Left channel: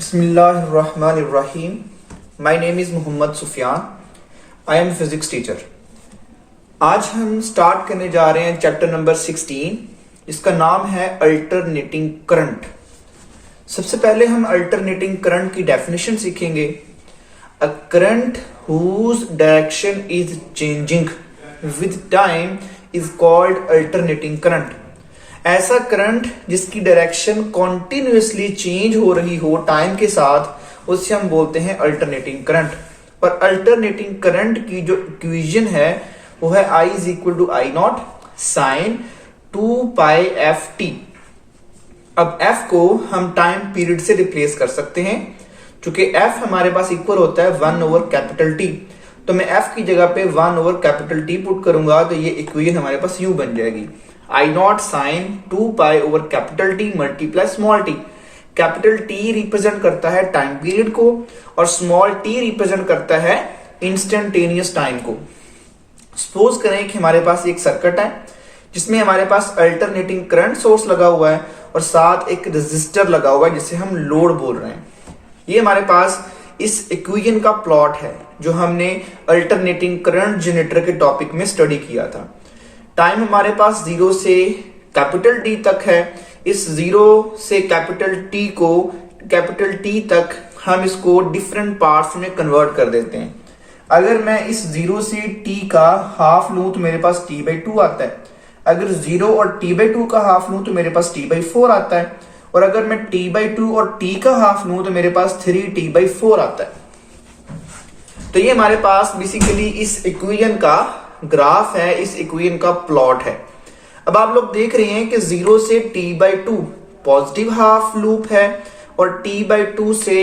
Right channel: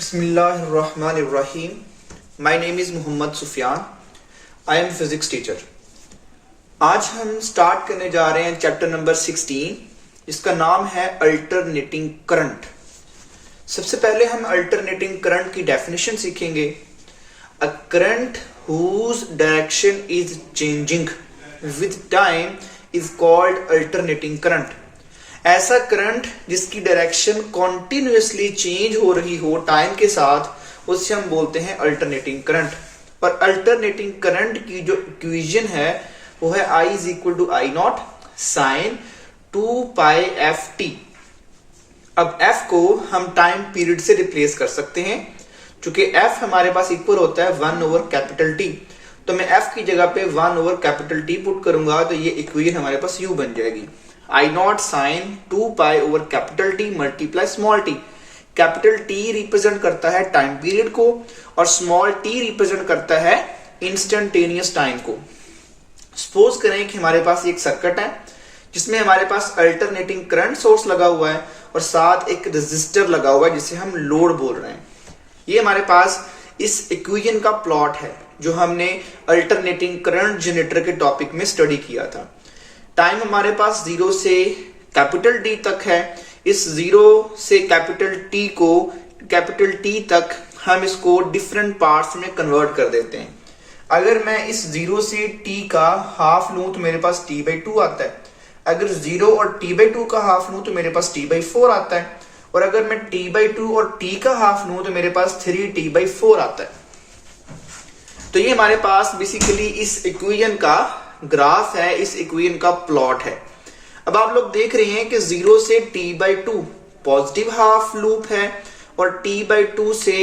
Bismillahirrahmanirrahim. My name is Mohammad Sufiyan. I am physics teacher. आज हम start करने जा रहे हैं चैप्टर नंबर 16. इसका नाम है अल्टरनेटिंग करंट. सबसे पहले हम अल्टरनेटिंग करंट की डेफिनेशन सीखेंगे. A current whose direction is changing with time is called alternating current. ऐसा करंट जिसकी डायरेक्शन कॉन्टिन्यूसली चेंज हो रही हो टाइम के साथ, उससे हम बोलते हैं अल्टरनेटिंग करंट. और अल्टरनेटिंग करंट की जो इक्वेशन है वो है I is equal to I not sine 2πft. अब f को हम टाइम पीरियड से रिप्लेस कर सकते हैं. चूंकि f हमारे पास इक्वल होता है 1/T, तो मैं f की जगह पे 1/T पुट करूंगा तो ये इक्वेशन हमारे पास यूं बन जाएगी. I not sine 2π/T multiply small t. Capital T represent करता है टाइम पीरियड को और स्मॉल t रिप्रेजेंट करता है इंस्टेंटेनियस टाइम को. सपोज करें कि हमारे पास एक सर्किट है जिसमें हमारे पास अल्टरनेटिंग करंट सोर्स लगा हुआ है और साथ एक रेजिस्टर लगा हुआ है जिसे हम लोड बोल रहे हैं. ये हमारे पास इस इक्वेशन का प्लॉट है जो हमने अल्टरनेटिंग करंट जनरेटर के टॉपिक में स्टडी किया था. टाइम हमारे पास 0 से कैपिटल T तक है. इस 0 से कैपिटल T को कैपिटल T तक हम इसको डिफरेंट पार्ट्स में कन्वर्ट कर देते हैं. अगर मैं इस 0 से T का हाफ लूं तो मेरे पास T/2 आता है. अगर 0 और T/2 का हाफ लूं तो मेरे पास T/4 आता है. और अगर मैं T/2 और T का हाफ लूं तो मेरे पास 3T/4 आता है. तो ये हमारे पास बेसिकली इस इक्वेशन का ग्राफ है, इस इक्वेशन का प्लॉट है. अब आप लोग देख रहे हैं कि 0 से T/2 पॉजिटिव हाफ लूप है और T/2 से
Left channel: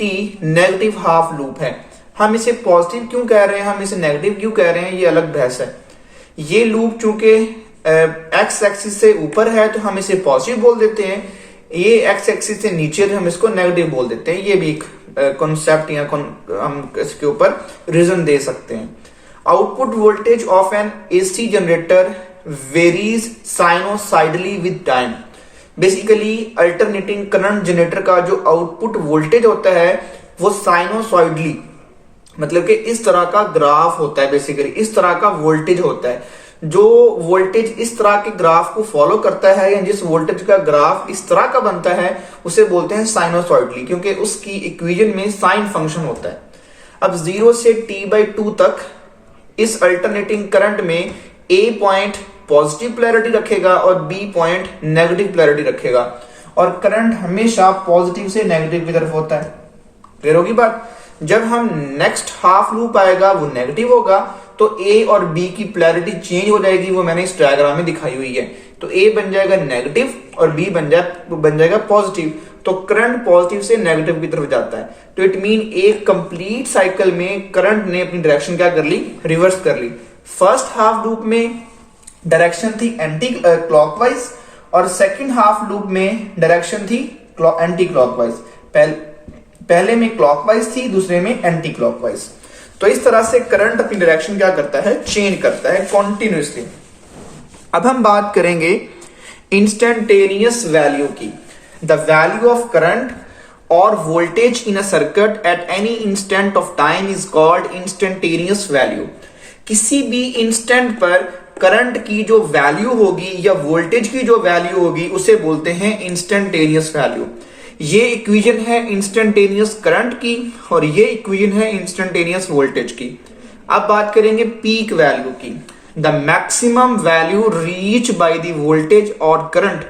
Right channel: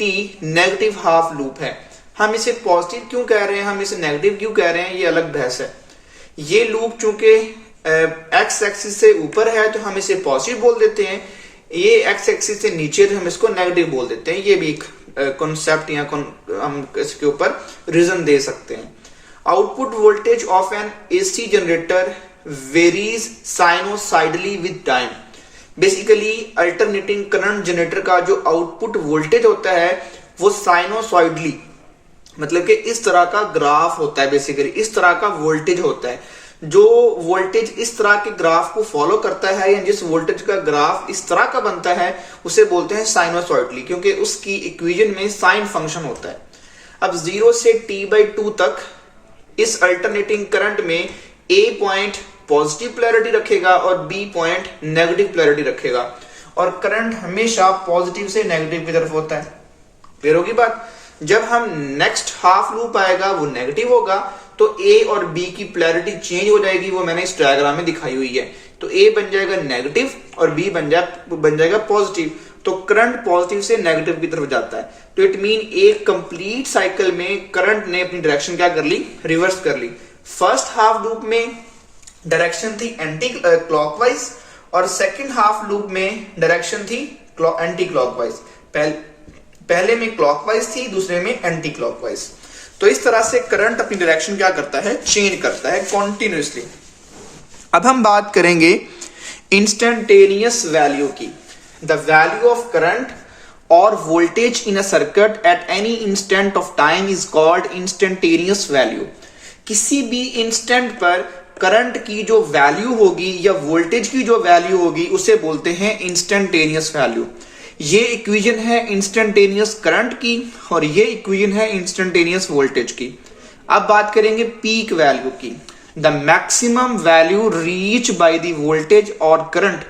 T नेगेटिव हाफ लूप है. हम इसे पॉजिटिव क्यों कह रहे हैं, हम इसे नेगेटिव क्यों कह रहे हैं, ये अलग बहस है. ये लूप चूंकि एक्स एक्सिस से ऊपर है तो हम इसे पॉजिटिव बोल देते हैं. ये एक्स एक्सिस से नीचे तो हम इसको नेगेटिव बोल देते हैं. ये भी एक कॉन्सेप्ट या हम इसके ऊपर रीजन दे सकते हैं. Output voltage of an AC generator varies sinusoidally with time. Basically alternating current generator का जो आउटपुट वोल्टेज होता है वो साइनोसाइडली, मतलब कि इस तरह का ग्राफ होता है. बेसिकली इस तरह का वोल्टेज होता है. जो वोल्टेज इस तरह के ग्राफ को फॉलो करता है या जिस वोल्टेज का ग्राफ इस तरह का बनता है उसे बोलते हैं साइनोसॉइडली, क्योंकि उसकी इक्वेशन में साइन फंक्शन होता है. अब 0 से T/2 तक इस अल्टरनेटिंग करंट में A पॉइंट पॉजिटिव पोलैरिटी रखेगा और B पॉइंट नेगेटिव पोलैरिटी रखेगा और करंट हमेशा पॉजिटिव से नेगेटिव की तरफ होता है. क्लियर होगी बात. जब हम नेक्स्ट हाफ लूप आएगा वो नेगेटिव होगा तो A और B की पोलैरिटी चेंज हो जाएगी. वो मैंने इस डायग्राम में दिखाई हुई है. तो A बन जाएगा नेगेटिव और B बन जाएगा पॉजिटिव. तो करंट पॉजिटिव से नेगेटिव की तरफ जाता है. तो इट मीन एक कंप्लीट साइकिल में करंट ने अपनी डायरेक्शन क्या कर ली, रिवर्स कर ली. फर्स्ट हाफ लूप में डायरेक्शन थी एंटी क्लॉकवाइज और सेकंड हाफ लूप में डायरेक्शन थी एंटी क्लॉकवाइज. पहले में क्लॉकवाइज थी, दूसरे में एंटी क्लॉकवाइज. तो इस तरह से करंट अपनी डायरेक्शन क्या करता है, चेंज करता है कॉन्टिन्यूसली. अब हम बात करेंगे इंस्टेंटेनियस वैल्यू की. द वैल्यू ऑफ करंट और voltage in a circuit at any instant of time is called instantaneous value. किसी भी इंस्टेंट पर करंट की जो वैल्यू होगी या वोल्टेज की जो वैल्यू होगी उसे बोलते हैं इंस्टेंटेनियस वैल्यू. ये इक्वेशन है इंस्टेंटेनियस करंट की और ये इक्वेशन है इंस्टेंटेनियस वोल्टेज की. अब बात करेंगे पीक वैल्यू की. The maximum value reach by the voltage और करंट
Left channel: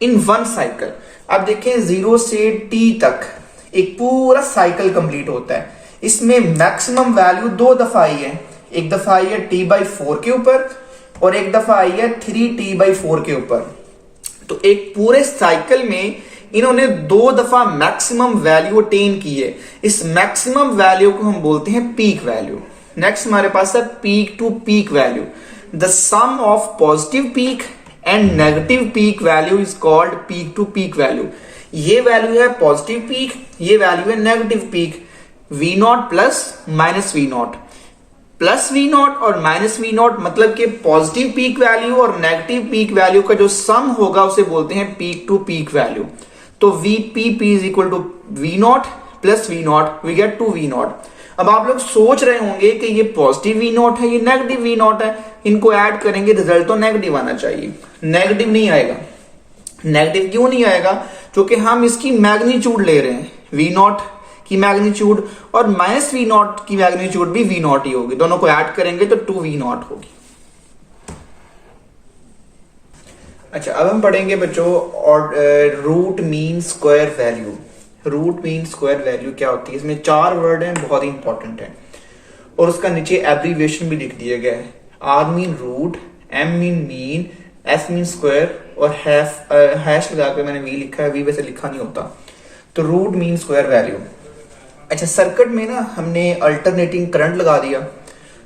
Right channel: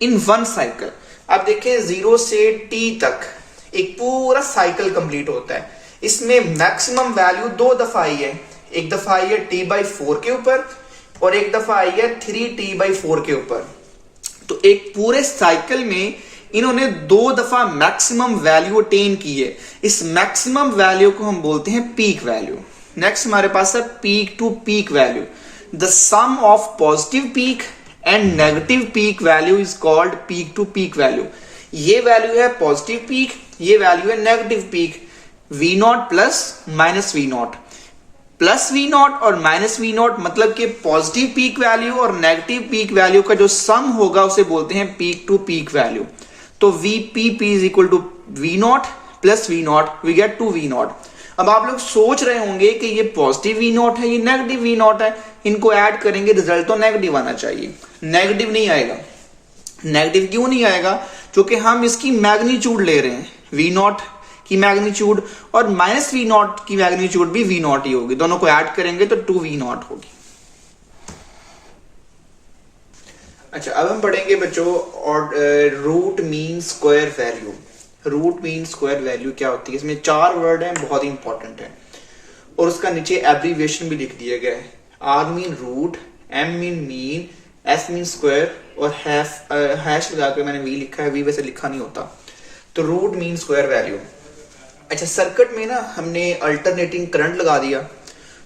इन वन साइकिल. अब देखें 0 से T तक एक पूरा साइकिल कंप्लीट होता है. इसमें मैक्सिमम वैल्यू 2 दफा आई है. एक दफा आई है T/4 के ऊपर और एक दफा आई है 3T/4 के ऊपर. तो एक पूरे साइकिल में इन्होंने 2 दफा मैक्सिमम वैल्यू अटेन की है. इस मैक्सिमम वैल्यू को हम बोलते हैं पीक वैल्यू. नेक्स्ट हमारे पास है peak to peak value. The sum of positive peak and negative peak value is called peak to peak value. ये वैल्यू है पॉजिटिव पीक, ये वैल्यू है negative peak. V0 plus minus V0 plus V0 और minus V0 मतलब कि positive peak value और negative peak value का जो सम होगा उसे बोलते हैं पीक टू पीक वैल्यू. तो VPP is equal to V not plus V not, we get 2 V not. अब आप लोग सोच रहे होंगे कि ये पॉजिटिव V नॉट है, ये नेगेटिव V नॉट है, इनको ऐड करेंगे रिजल्ट तो नेगेटिव आना चाहिए। नेगेटिव नहीं आएगा। नेगेटिव क्यों नहीं आएगा? क्योंकि हम इसकी मैग्नीट्यूड ले रहे हैं, V नॉट की मैग्नीट्यूड और माइनस V नॉट की मैग्नीट्यूड भी V नॉट ही होगी, दोनों को ऐड करेंगे तो 2 V नॉट होगी। अच्छा, अब हम पढ़ेंगे बच्चों और root mean square value. Root mean square value क्या होती है? इसमें 4 वर्ड हैं, बहुत ही इंपॉर्टेंट है, और उसका नीचे एब्रीविएशन भी लिख दिया गया है। R mean root, M mean, S mean square और हैश लगा के मैंने V लिखा है, V वैसे लिखा नहीं होता। तो रूट मीन स्क्वायर वैल्यू। अच्छा, सर्किट में ना हमने अल्टरनेटिंग करंट लगा दिया,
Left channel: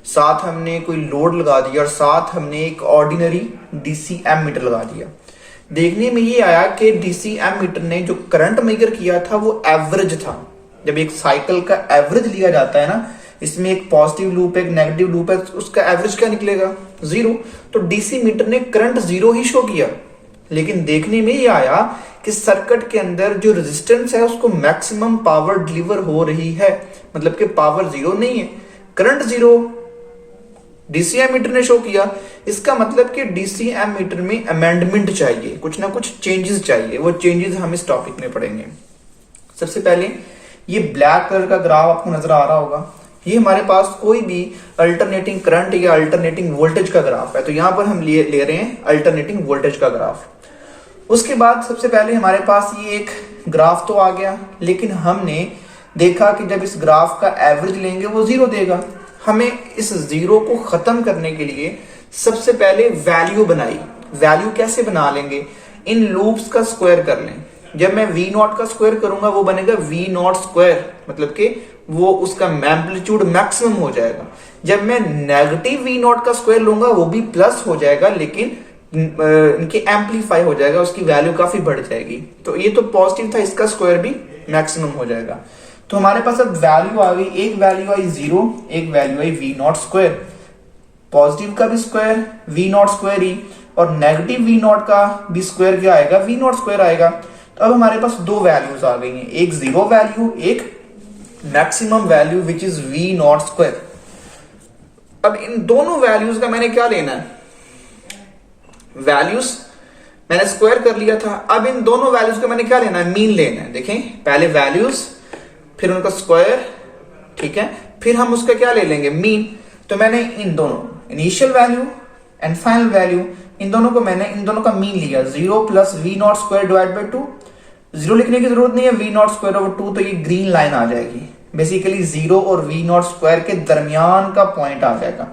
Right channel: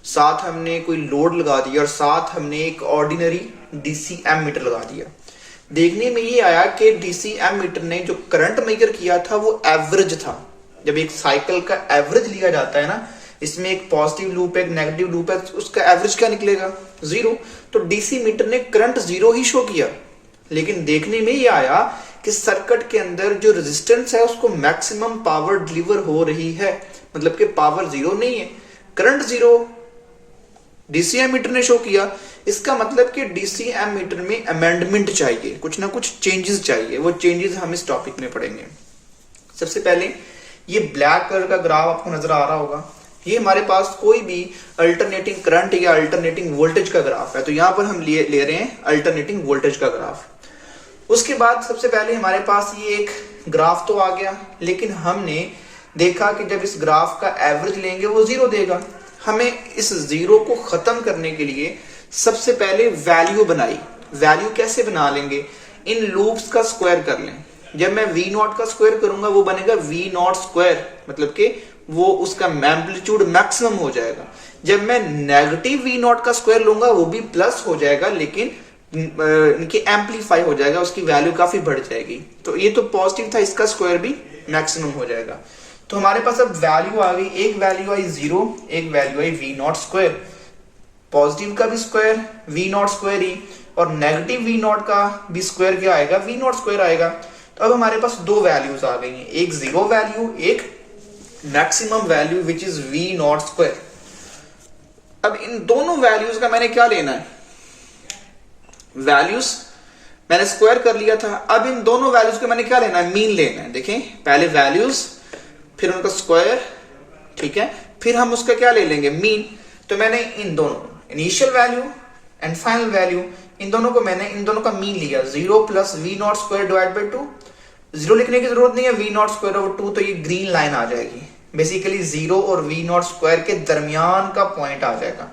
साथ हमने कोई लोड लगा दिया और साथ हमने एक ऑर्डिनरी डीसी एमीटर लगा दिया। देखने में ये आया कि डीसी एमीटर ने जो करंट मेजर किया था वो एवरेज था। जब एक साइकिल का एवरेज लिया जाता है ना, इसमें एक पॉजिटिव लूप है, एक नेगेटिव लूप है, उसका एवरेज क्या निकलेगा? 0। तो डीसी मीटर ने करंट 0 ही शो किया, लेकिन देखने में ये आया कि सर्किट के अंदर जो रेजिस्टेंस है उसको मैक्सिमम पावर डिलीवर हो रही है, मतलब कि पावर 0 नहीं है, करंट 0 डीसी एमीटर ने शो किया। इसका मतलब कि डीसी एमीटर में अमेंडमेंट चाहिए, कुछ ना कुछ चेंजेस चाहिए, वो चेंजेस हम इस टॉपिक में पढ़ेंगे। सबसे पहले ये ब्लैक कलर का ग्राफ आपको नजर आ रहा होगा, ये हमारे पास कोई भी अल्टरनेटिंग करंट या अल्टरनेटिंग वोल्टेज का ग्राफ है, तो यहां पर हम ले रहे हैं अल्टरनेटिंग वोल्टेज का ग्राफ। उसके बाद सबसे पहले हमारे पास ये एक ग्राफ तो आ गया, लेकिन हमने देखा कि जब इस ग्राफ का एवरेज लेंगे वो 0 देगा। हमें इस 0 को खत्म करने के लिए सबसे पहले वैल्यू बनाई। वैल्यू कैसे बना लेंगे? इन लूप्स का स्क्वायर कर लें। जब मैं V नॉट का स्क्वायर करूंगा वो बनेगा V नॉट स्क्वायर, मतलब कि वो उसका एम्पलीट्यूड मैक्सिमम हो जाएगा। जब मैं नेगेटिव V नॉट का स्क्वायर लूंगा वो भी प्लस हो जाएगा, लेकिन इनके एम्पलीफाई हो जाएगा, उसकी वैल्यू काफी बढ़ जाएगी। तो ये तो पॉजिटिव था, इसका स्क्वायर भी मैक्सिमम हो जाएगा। तो हमारे पास अब वैल्यू आ गई, एक वैल्यू आई 0, एक value I V not square. Positive का भी स्क्वायर V नॉट स्क्वायर ही, और नेगेटिव V नॉट का भी स्क्वायर क्या आएगा? V नॉट स्क्वायर आएगा। तो अब हमारे पास 2 वैल्यूज आ गई हैं, एक 0 वैल्यू, एक maximum value which is V not square. अब इन दोनों वैल्यूज का मैंने क्या लेना है? वैल्यूज मैंने स्क्वायर कर लिया था, अब इन दोनों वैल्यूज का मैंने क्या लेना है? मीन लेना है। देखें, पहले वैल्यूज, फिर उनका स्क्वायर, ठीक है, फिर हम उसका क्या ले लेंगे? मीन। तो मैंने इन दोनों initial value and final value, इन दोनों को मैंने इन दोनों का मीन लिया, 0 plus V not square divide by 2। 0 लिखने की जरूरत नहीं है, V नॉट स्क्वायर ओवर 2, तो ये ग्रीन लाइन आ जाएगी। बेसिकली 0 और V नॉट स्क्वायर के दरमियान का पॉइंट आ जाएगा।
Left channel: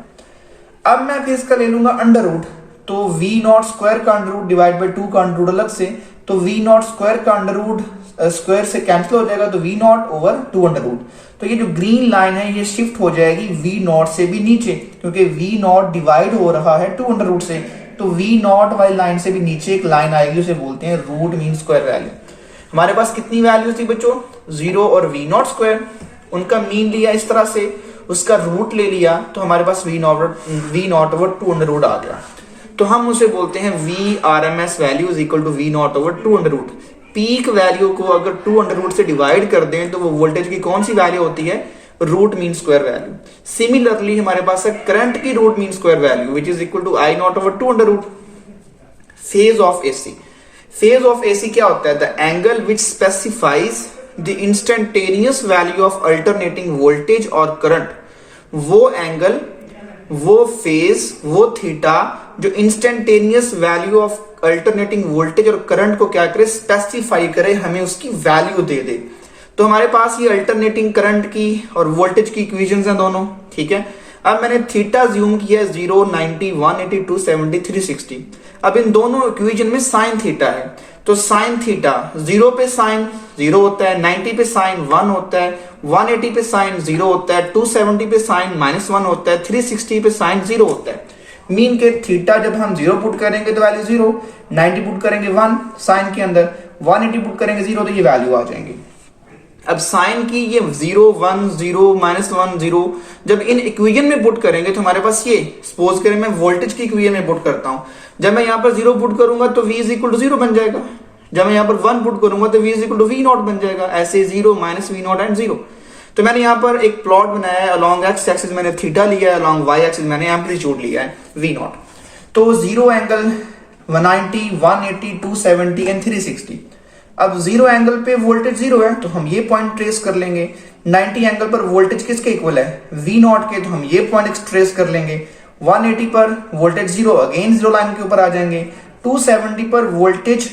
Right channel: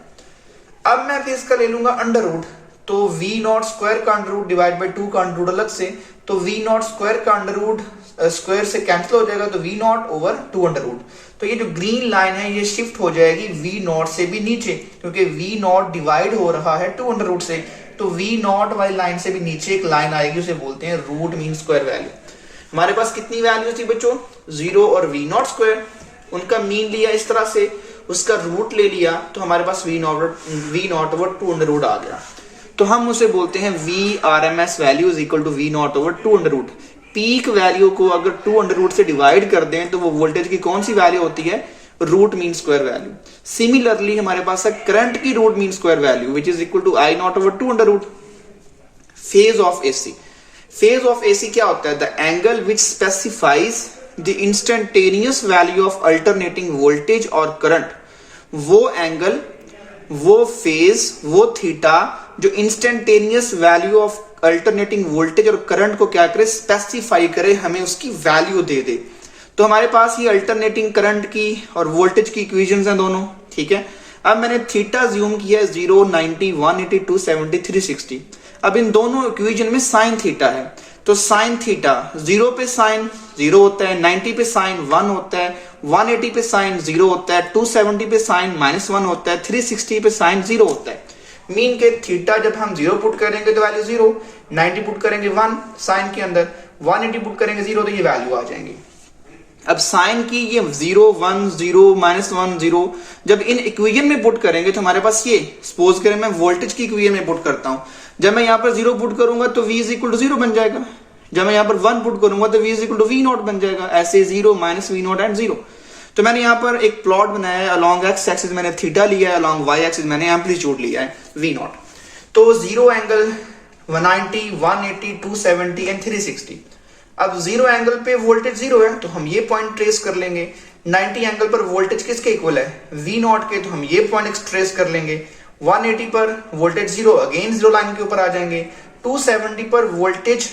अब मैं इसका ले लूंगा अंडर रूट, तो V नॉट स्क्वायर का अंडर रूट डिवाइड बाय 2 का अंडर रूट अलग से, तो V नॉट स्क्वायर का अंडर रूट स्क्वायर से कैंसिल हो जाएगा, तो V not over 2 under root. तो ये जो ग्रीन लाइन है ये शिफ्ट हो जाएगी V नॉट से भी नीचे, क्योंकि V नॉट डिवाइड हो रहा है 2 अंडर रूट से, तो V नॉट वाली लाइन से भी नीचे एक लाइन आएगी, उसे बोलते हैं रूट मीन स्क्वायर वैल्यू। हमारे पास कितनी वैल्यू थी बच्चों? 0 और V नॉट स्क्वायर, उनका मीन लिया इस तरह से, उसका रूट ले लिया, तो हमारे पास V not over 2 under root आ गया। तो हम उसे बोलते हैं V RMS value is equal to V not over 2 under root. Peak value को अगर 2 अंडर रूट से डिवाइड कर दें तो वो वोल्टेज की कौन सी वैल्यू होती है? Root mean square value. Similarly हमारे पास है करंट की root mean square value which is equal to I not over 2 under root. Phase of AC, phase of AC क्या होता है? The angle which specifies the instantaneous value of alternating voltage और current. वो angle, वो phase, वो theta जो instantaneous value of alternating voltage और current को क्या करे? स्पेसिफाई करे, हमें उसकी वैल्यू दे दे। तो हमारे पास ये अल्टरनेटिंग करंट की और वोल्टेज की इक्वेशंस हैं दोनों, ठीक है। अब मैंने थीटा ज्यूम किया है 0, 90, 180, 270, 360। अब इन दोनों इक्वेशन में साइन थीटा है, तो साइन थीटा 0 पे साइन 0 होता है, 90 पे साइन 1 होता है, 180 पे साइन 0 होता है, 270 पे साइन -1 होता है, 360 पे साइन 0 होता है। मीन के थीटा जब हम 0 पुट करेंगे तो वैल्यू 0, 90 पुट करेंगे 1 साइन के अंदर, 180 पुट करेंगे 0, तो ये वैल्यू आ जाएंगी। अब साइन की ये 0, 1, 0, -1, 0 जब इन इक्वेशन में पुट करेंगे तो हमारे पास ये, सपोज करें मैं वोल्टेज की इक्वेशन में पुट करता हूं, जब मैं यहां पर 0 पुट करूंगा तो V इज इक्वल टू 0 बन जाएगा, जब मैं यहाँ पर 1 पुट करूंगा तो v is equal to V not बन जाएगा, ऐसे 0 माइनस वी नॉट एंड 0। तो मैंने यहाँ पर एक प्लॉट बनाया है, अलॉन्ग एक्स एक्सिस मैंने थीटा लिया है, अलॉन्ग वाई एक्सिस मैंने एम्पलीट्यूड लिया है वी नॉट। तो 0 एंगल 190, 180, 270 एंड 360। अब 0 एंगल पे वोल्टेज 0 है तो हम ये पॉइंट ट्रेस कर लेंगे। 90 एंगल पर वोल्टेज किसके इक्वल है, वी नॉट के, तो हम ये पॉइंट ट्रेस कर लेंगे। 180 पर वोल्टेज 0, अगेन 0 लाइन के ऊपर आ जाएंगे। 270 पर वोल्टेज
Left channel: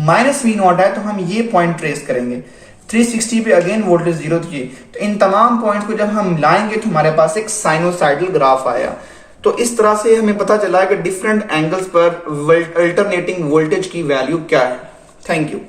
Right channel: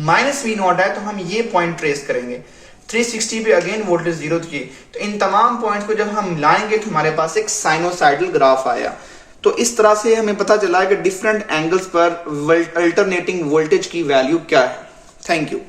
माइनस वी नॉट है तो हम ये पॉइंट ट्रेस करेंगे। 360 पे अगेन वोल्टेज 0 थी, तो इन तमाम पॉइंट्स को जब हम लाएंगे तो हमारे पास एक साइनोसाइडल ग्राफ आया। तो इस तरह से हमें पता चला है कि डिफरेंट एंगल्स पर अल्टरनेटिंग वोल्टेज की वैल्यू क्या है। Thank you.